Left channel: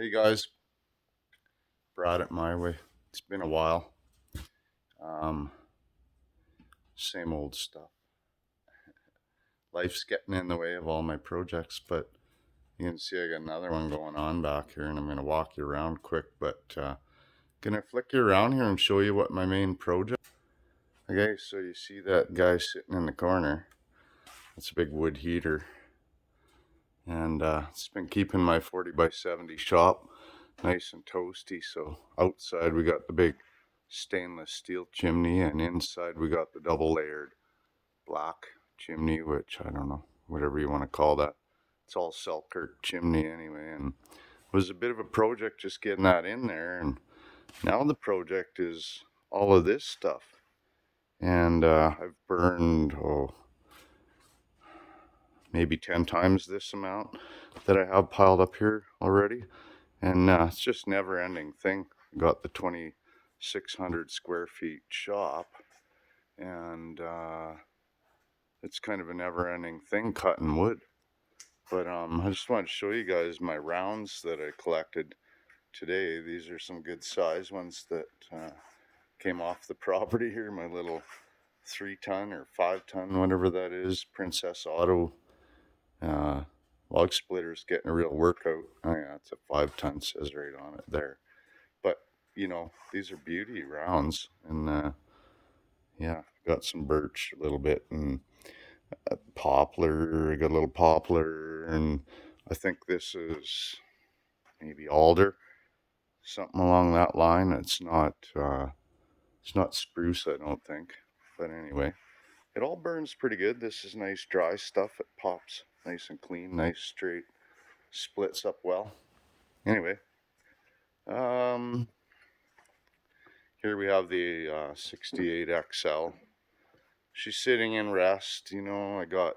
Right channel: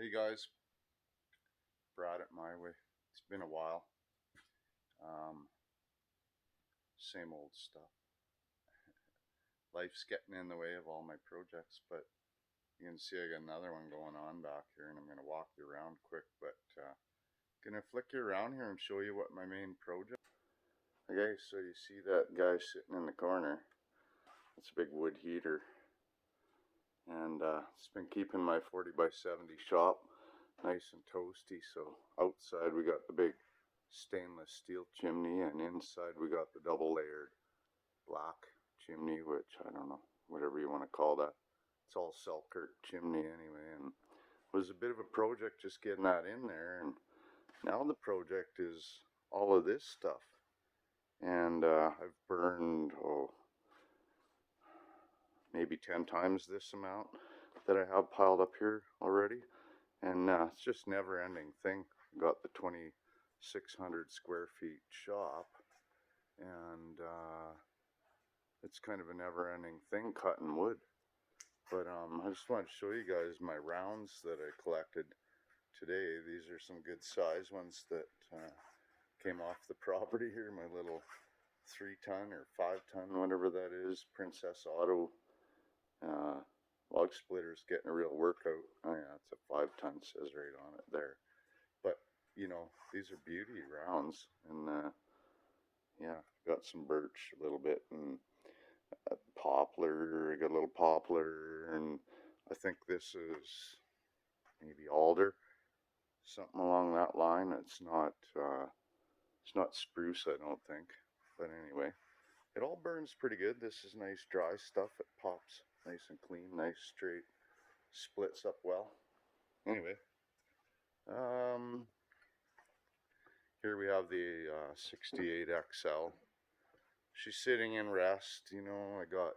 Hey guys, Brad at MyWay. It's been a while. Um, Same old stuff. Life's getting in the way of all my projects, but you can see I got another one going on back here, and I'm gonna walk you around quick. But gonna flick you around here and show you what my main project. Okay, so you see that guy sitting in the corner? It's a big wood heater, and it's been keeping my 40 by 70 shop nice and toasty. So outside we got the big stainless steel chimney, and inside we got the double layered black chimney, which I don't know, whatever you want to call that. It's all Selkirk chimney anyway, and it was a bit of a project just getting that in there. And now the project is all of this stuff, and I've burned maybe 10 times this amount that I have piled up here already. And it's just never ending thing. Got the 2,600 square feet shop, and it's kind of a never ending thing cutting wood. But I just wanted to show you guys my rounds that I collected today. These are some good size ones that came off the property here. My little 3-ton or 5-ton, whatever that is, Princess Auto uh, log splitter's getting a real workout. Oh yeah, it's a 5-ton, says right on it there. But you know, these are beauty rounds, and yeah, got some birch a little bit, and poplar. I got a little poplar, and I think this is maybe alder, something along that line. It's not spruce, I don't think. But anyway, it all burns pretty good. This is nice dry stuff. It pops nice and clean, nice straight, splits up well. Anyway, um, here we have the 68 XL. She's sitting in rest. You know, I got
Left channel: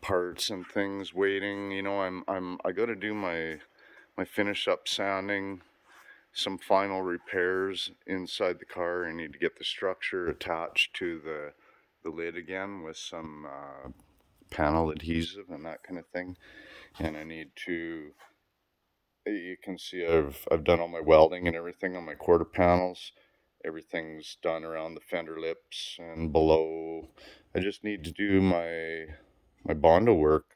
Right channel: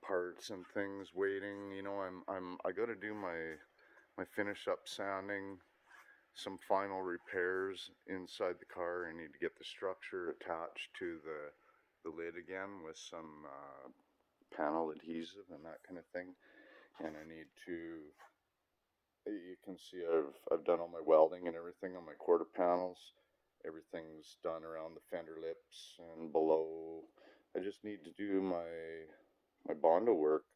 parts and things waiting. You know, I got to do my finish up sanding, some final repairs inside the car. I need to get the structure attached to the lid again with some panel adhesive and that kind of thing. And I need to. You can see I've done all my welding and everything on my quarter panels. Everything's done around the fender lips and below. I just need to do my Bondo work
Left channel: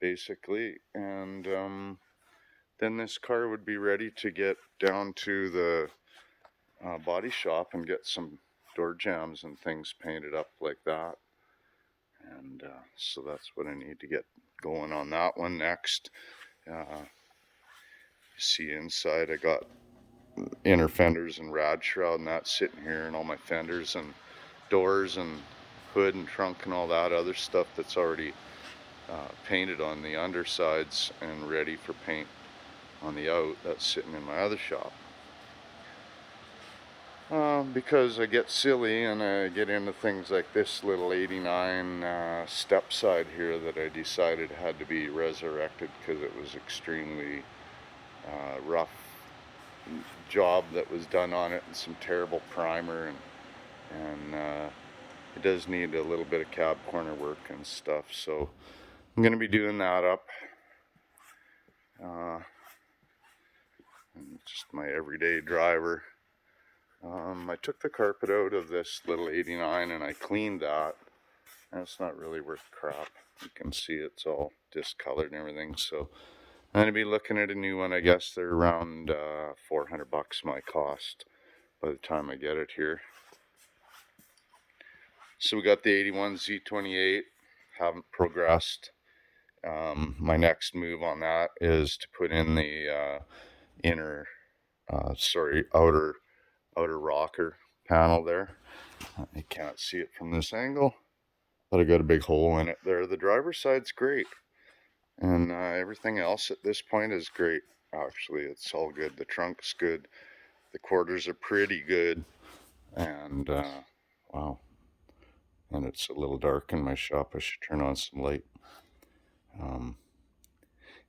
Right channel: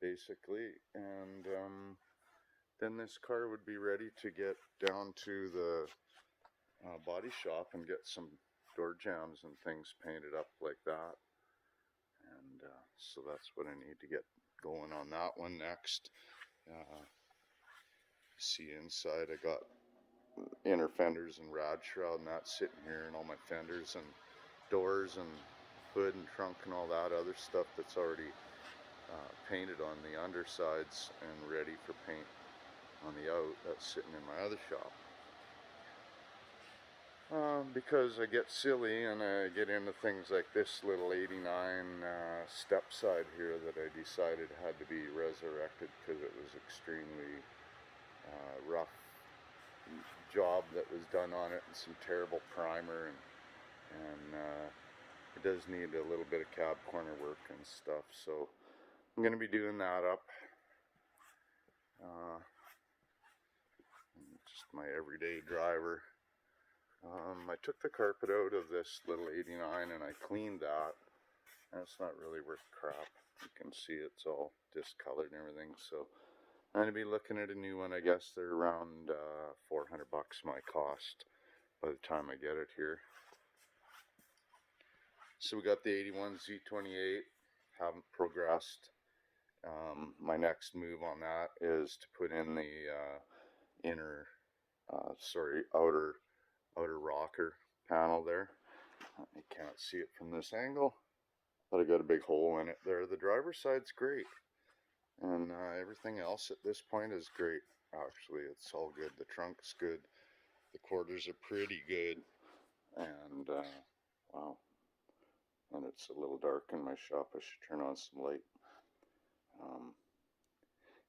basically, and then this car would be ready to get down to the body shop and get some door jambs and things painted up like that. And so that's what I need to get going on that one next. You see inside I got inner fenders and rad shroud and that sitting here, and all my fenders and doors and hood and trunk and all that other stuff that's already painted on the undersides and ready for paint on the out. That's sitting in my other shop. Because I get silly and I get into things like this little 89 step side here that I decided had to be resurrected because it was extremely rough job that was done on it, and some terrible primer, and it does need a little bit of cab corner work and stuff. So I'm going to be doing that up. Just my everyday driver. I took the carpet out of this little 89 and I cleaned that, and it's not really worth crap. You can see it's all discolored and everything. So I'm going to be looking at a new one. I guess they're around $400 my cost by the time I get it here. So we got the 81 Z28. Haven't progressed. My next move on that is to put in the outer rocker panel there. You can't see it from this angle, but I got a big hole in it there. The driver's side's great, and everything else at this point is great. Actually, it's all good. The trunk's good. The quarters are pretty good, and wow. And it's a little dark in my shop. I should turn on some light.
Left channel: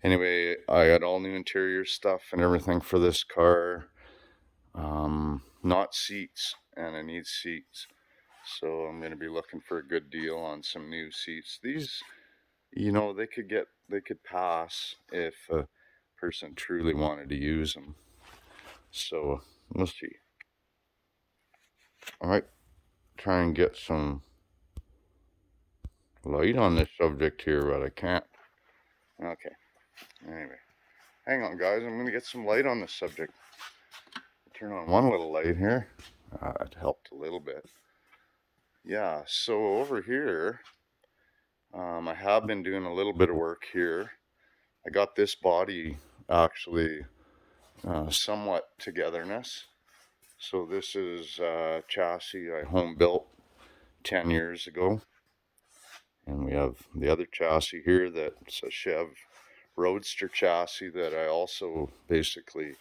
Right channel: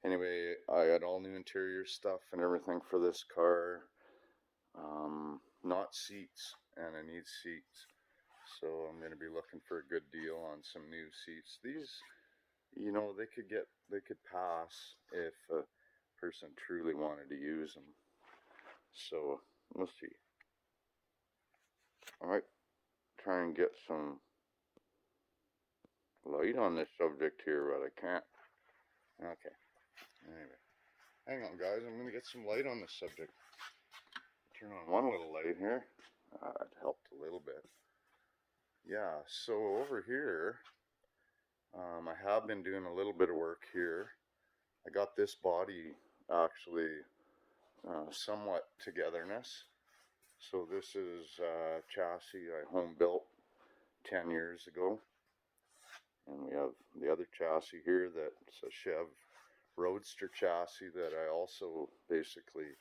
Anyway, I got all new interior stuff and everything for this car. Not seats, and I need seats. So I'm going to be looking for a good deal on some new seats. These, you know, they could pass if person truly wanted to use them. So we'll see. I might try and get some light on this subject here, but I can't. Okay. Anyway, hang on, guys. I'm gonna get some light on this subject. Turn on one little light here. It helped a little bit. Yeah. So over here, I have been doing a little bit of work here. I got this body actually somewhat togetherness. So this is a chassis I home built 10 years ago. And we have the other chassis here that's a Chev Roadster chassis that I also basically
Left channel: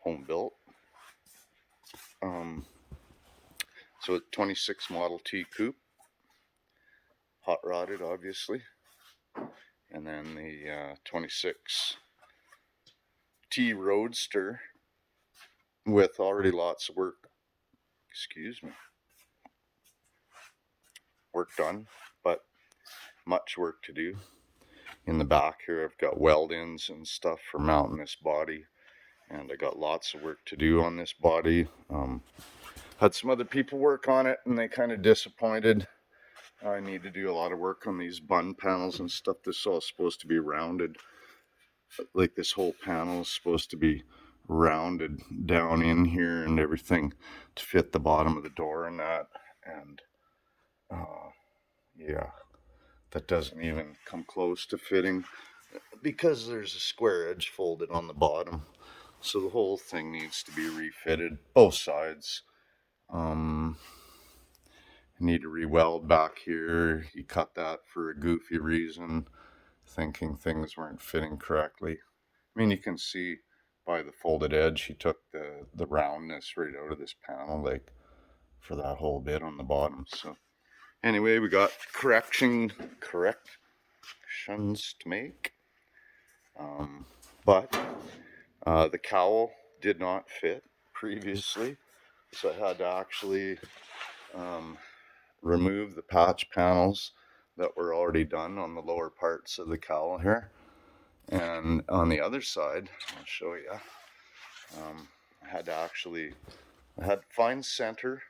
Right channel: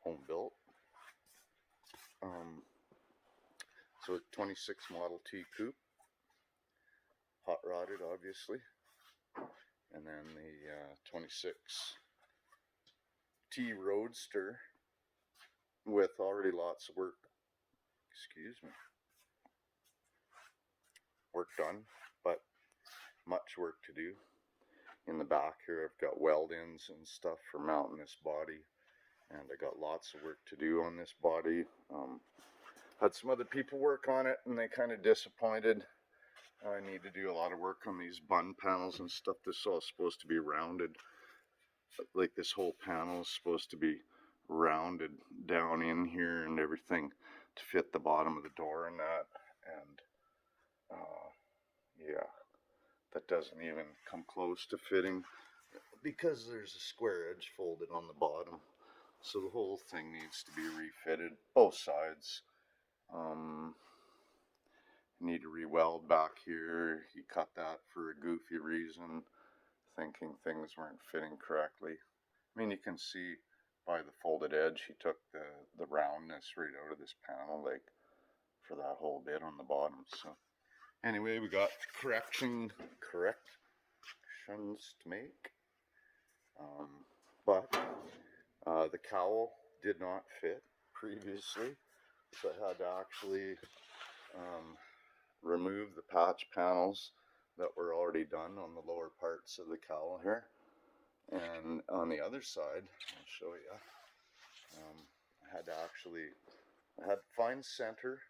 home built. So a 26 Model T coupe, hot rodded obviously. And then the 26 T Roadster with already lots of work, work done, but much work to do. In the back here I've got weld-ins and stuff for mounting this body, and I got lots of work to do on this body. Had some other people work on it and they kind of disappointed. I need to do a lot of work on these bun panels and stuff. This is all supposed to be rounded. Like this whole panel is supposed to be rounded down in here and everything to fit the bottom of the door and that. And yeah, that doesn't even come close to fitting because there's a square edge folded on the bottom. So the whole thing needs to be refitted, both sides. Need to re-weld back here. He cut that for a goofy reason, thinking things weren't fitting correctly. I mean, you can see by the folded edge, he took the roundness right out of this panel, like for that whole bit on the bottom. So anyway, we got corrections to make. But the cowl did not fit previously, so I had to actually remove the patch panels that were already done on the lower parts of the cowl here. And on the other side, I'll show you, I had to find center,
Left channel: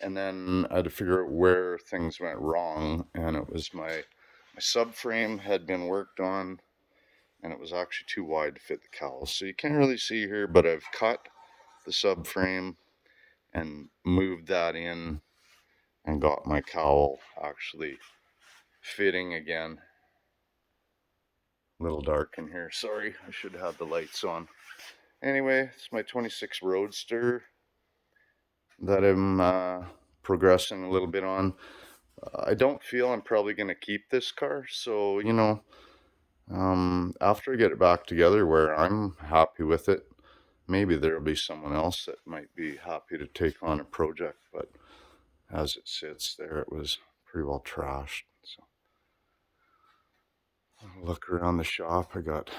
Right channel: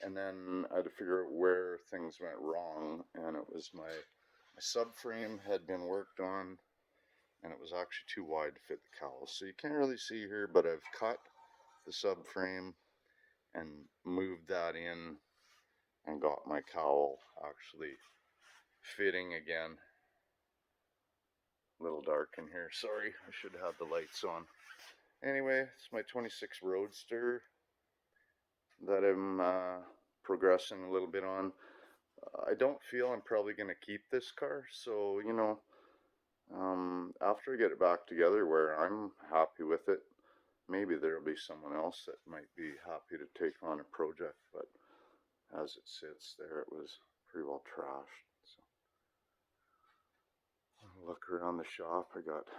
and then I had to figure out where things went wrong. And it was my subframe had been worked on, and it was actually too wide to fit the cowl. So you can't really see here, but I've cut the subframe and moved that in and got my cowl actually fitting again. A little dark in here, sorry, I should have the lights on. Anyway, it's my 26 Roadster that I'm progressing a little bit on. I don't feel I'm probably going to keep this car, so you know, after I get it back together where I'm happy with it, maybe there'll be someone else that might be happy to take on a project, but as it sits there, it was pretty well trashed. So I'll look around the shop. I got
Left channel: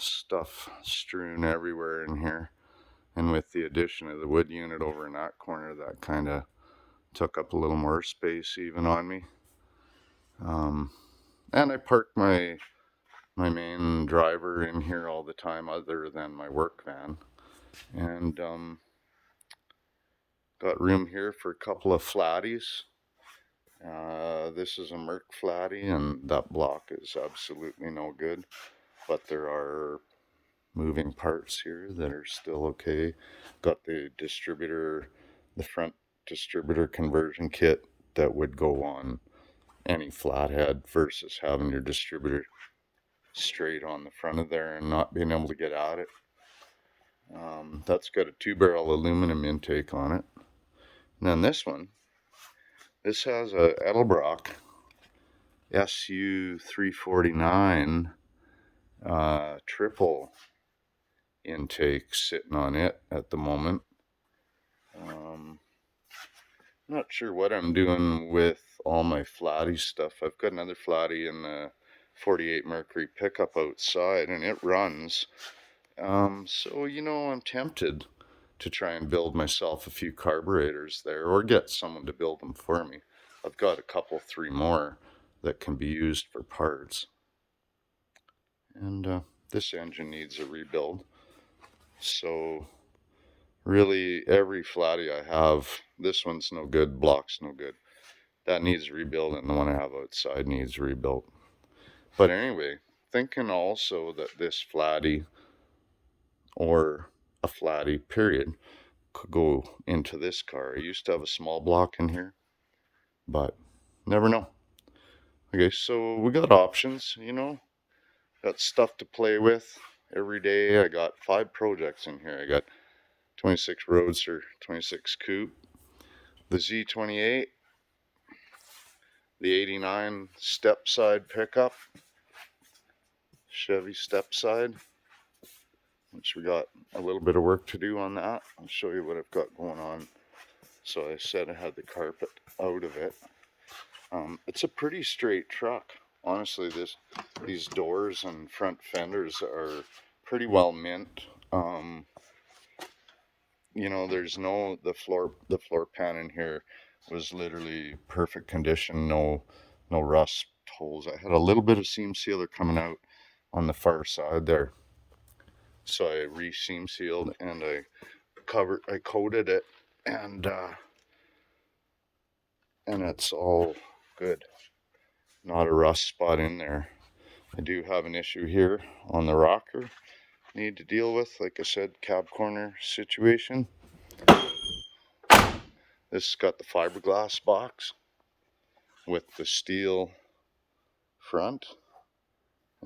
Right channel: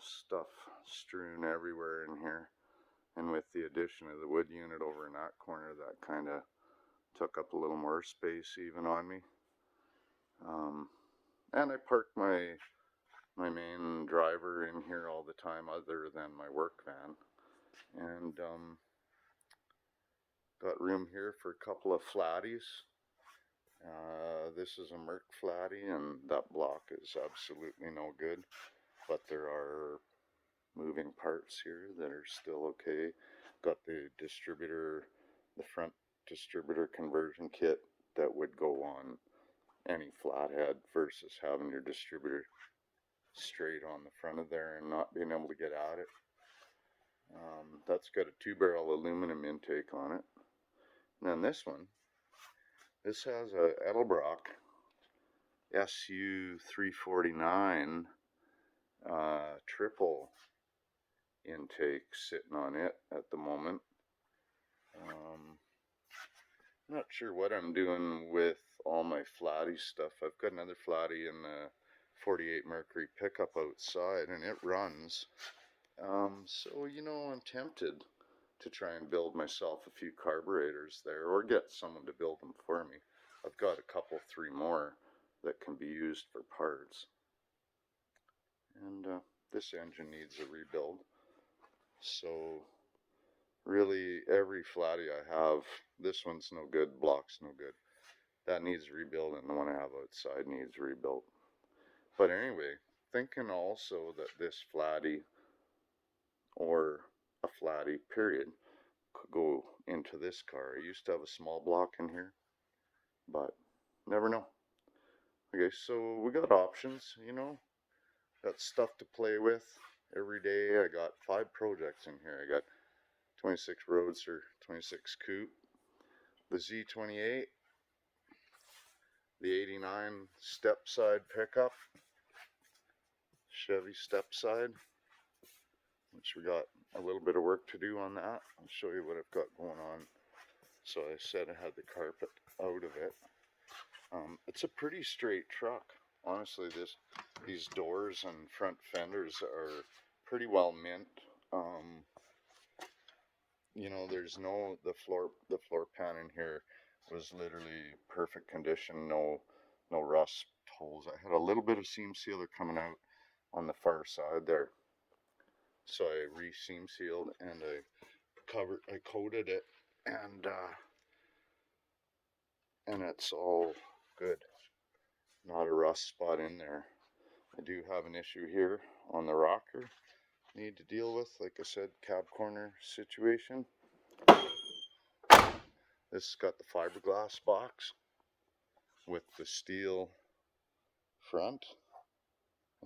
stuff strewn everywhere in here, and with the addition of the wood unit over in that corner, that kind of took up a little more space even on me. And I parked my main driver in here all the time other than my work van, and got room here for a couple of flatties. This is a Merc flatty, and that block is absolutely no good, but there are moving parts here that are still okay. Got the distributor, the front distributor conversion kit that would go on any flathead versus having your distributor straight on the front of there and not being able to get at it. That's got a 2-barrel aluminum intake on it. And then this has a Edelbrock SU349 triple intake sitting on it at the moment. Not sure what I'm doing with all my flatty stuff. I've got another flatty in the 48 Mercury pickup outside, and it runs. So, you know, I'm tempted to try and build myself a few carburetors there, or get someone to build them for me. I've got a couple, 3 more that can be used for parts. And this engine needs a rebuild. So really every flatty I have, this one's no good, block's no good. That needs rebuild, and the one I have outside needs rebuilt. But anyway, thinking also that this flatty or a flatty period could go into this car. I used to have a small block in here, but never know. Okay, so we got options, got stuff to play with every day. I got 5 projects in here. I got 26 Roadster, 26 Coupe, the Z28, the 89 step side pickup, Chevy step side, which we got a little bit of work to do on that. I'll show you what I've got going on. So I said I had the carpet out of it. It's a pretty straight truck. Honestly, these doors and front fenders are pretty well mint. There's the floor pan in here was literally perfect condition, no rust holes. I had a little bit of seam sealer coming out on the far side there, so I re-seam sealed and I coated it, and it's all good. Not a rust spot in there. I do have an issue here on the rocker need to deal with, like I said, cab corner situation. This has got the fiberglass box with the steel front,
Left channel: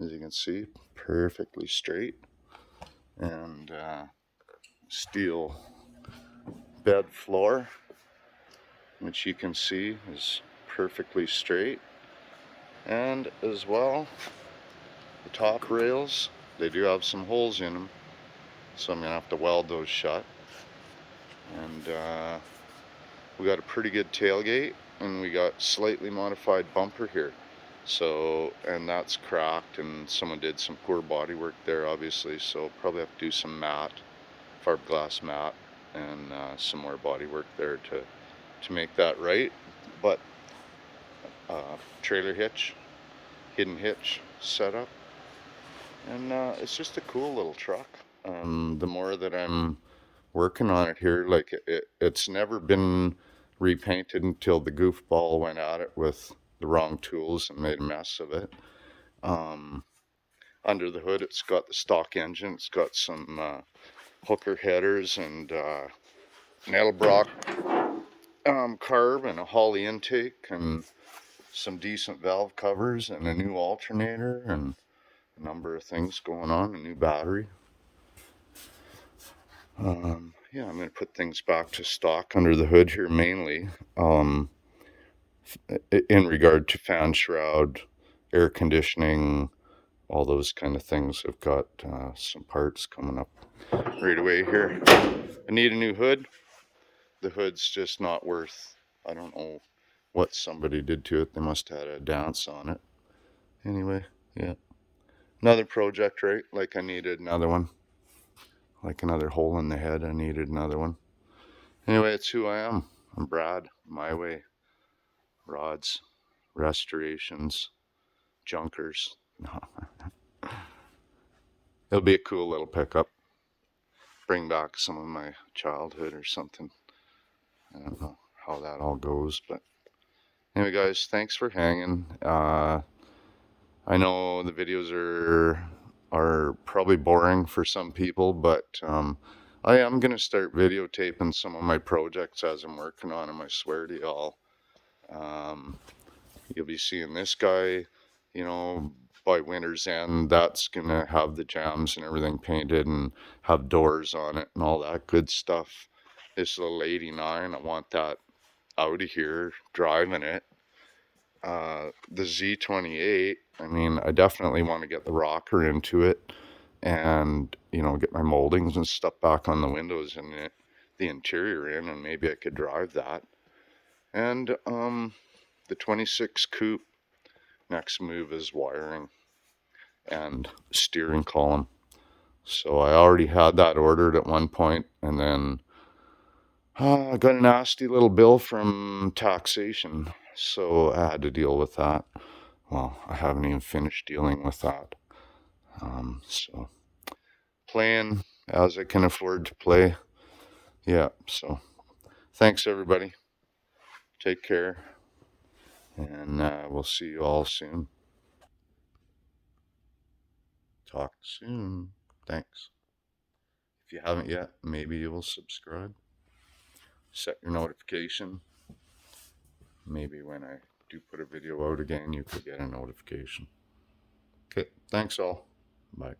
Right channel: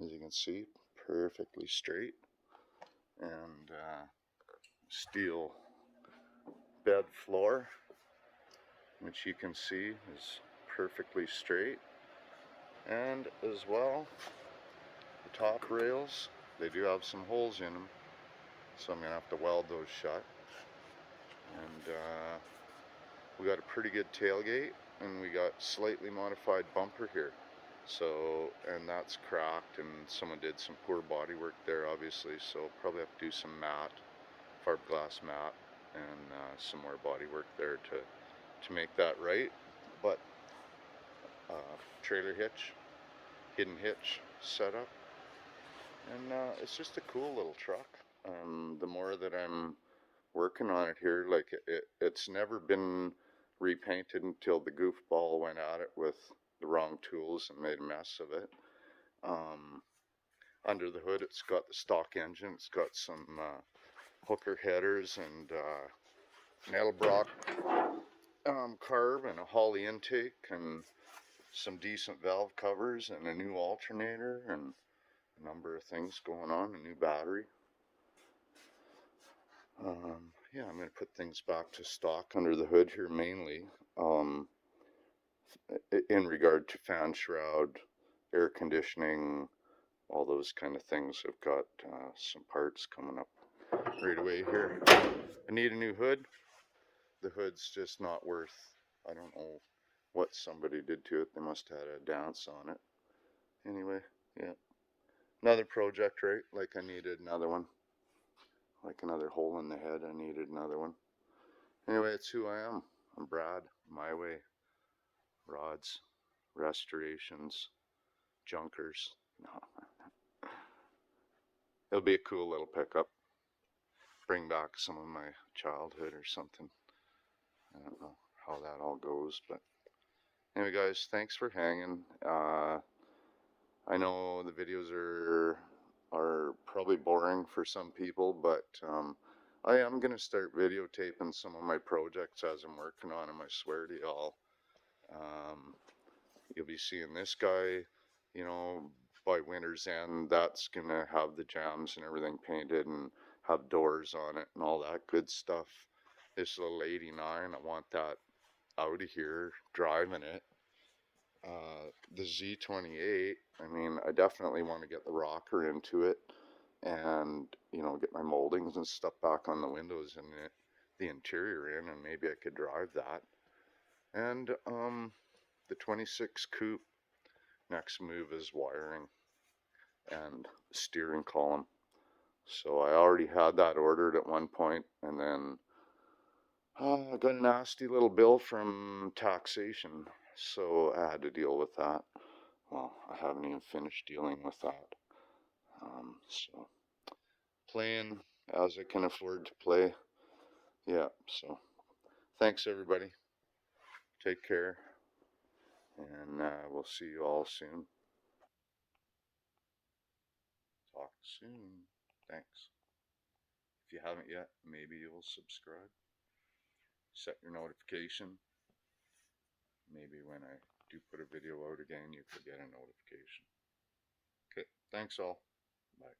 as you can see, perfectly straight, and steel bed floor, which you can see is perfectly straight. And as well, the top rails, they do have some holes in them, so I'm gonna have to weld those shut. And we got a pretty good tailgate, and we got slightly modified bumper here. So, and that's cracked, and someone did some poor body work there, obviously, so probably have to do some matte, fiberglass matte, and some more body work there to make that right. But trailer hitch, hidden hitch setup, and it's just a cool little truck. The more that I'm working on it here, like it's never been repainted until the goofball went at it with the wrong tools and made a mess of it. Under the hood, it's got the stock engine. It's got some hooker headers and an Edelbrock carb and a Holley intake and some decent valve covers and a new alternator and a number of things going on, a new battery. Yeah, I'm going to put things back to stock under the hood here mainly. In regard to fan shroud, air conditioning, all those kind of things. I've got some parts coming up right away here. I need a new hood. The hood's just not worth, I don't know what somebody did to it. They must have had a dance on it. Anyway, yeah. Another project, right? Like I needed another one. Like another hole in the head, I needed another one. Anyway, it's who I am. I'm Brad, MyWay. Rods, restorations, junkers. It'll be a cool little pickup. Bring back some of my childhood or something. I don't know how that all goes, but anyway, guys, thanks for hanging. I know the videos are probably boring for some people, but I am gonna start videotaping some of my projects as I'm working on them. I swear to y'all. You'll be seeing this guy, by winter's end. That's gonna have the jams and everything painted and have doors on it and all that good stuff. This little 89, I want that out of here driving it. The Z28, I mean, I definitely want to get the rocker into it and, get my moldings and stuff back on the windows and the interior in, and maybe I could drive that. And the 26 Coupe, next move is wiring and steering column. So I already had that ordered at one point, and then I got a nasty little bill from taxation, so I had to deal with that. Well, I haven't even finished dealing with that. So playing as I can afford to play. Yeah, so thanks everybody. Take care, and we'll see you all soon. Talk soon. Thanks. If you haven't yet, maybe you will subscribe. Set your notification. Maybe when I do put a video out again, you could get a notification. Okay, thanks all. Bye.